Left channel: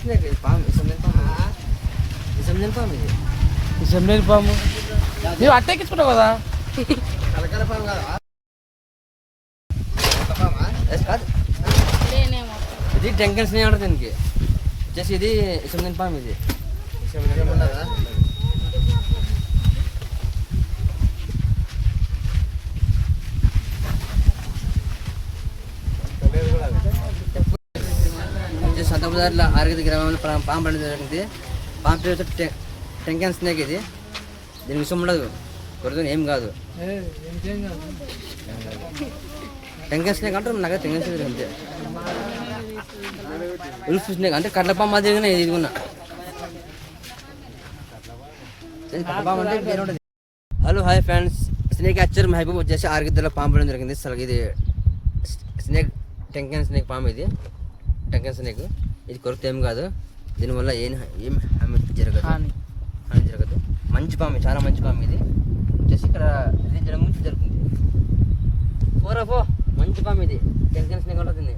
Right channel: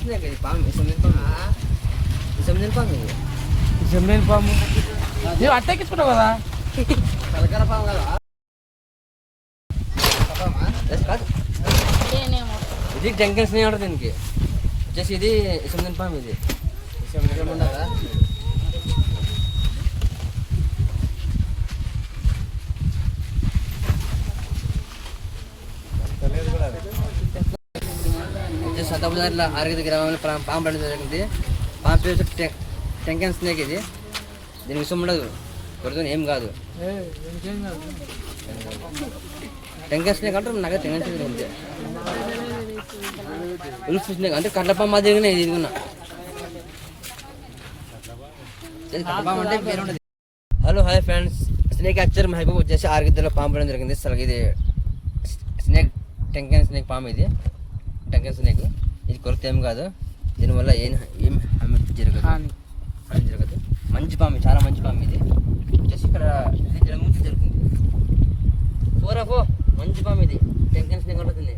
Snake ఇది పాము, ఇసం పాము ఇది. జమ్లేని పాము నువ్వు అట్టెక్కించుకుంటావు కదా. కలకర పాము కదా కాదు, ఇది టెంకన్ స్నేక్ ఉంటుంది దీనికి. వచ్చేసి ఇది ఇసం పాము ఇది. ఉండదా సతబుదారిలో ఆరోగ్య గ్రామంలో పాము పడడం జరిగింది. పాము పేరు టెంకన్ స్నేక్ ఇది. దీనికి విషయం ఉండదు, కొడుతుంది ఏం కాదు. టెంకన్ స్నేక్ అంటే నాకు టెంకన్ స్నేక్ అంతే. ఉల్ఫ్ స్నేక్ అంటే కట్ల పాము మాదిరిగానే ఇది ఉన్నా. పాము అంటే పేరు ఉండదు. హలో హాయ్ ఫ్రెండ్స్, స్నేక్ యాక్చర్ మహబూబ్ వచ్చేసి ఆరోగ్యలో పాము పడడం జరిగింది. అసలు ఇది స్నేక్ టెంకన్ స్నేక్ పాము ఇది. టెంకన్ స్నేక్ ఇది కొరత ఏం కాదు. దీనివల్ల ఏం హామీ జరగదు, హామీ జరగదు. మంచి పాము, చాలా మంచి పాము ఇది. వచ్చేసి ఇక్కడ ఇది ముందు జరుగుతుంది. పోరా పో, మంచి పాము ఇది. టెంకన్ స్నేక్ ఉంటుంది.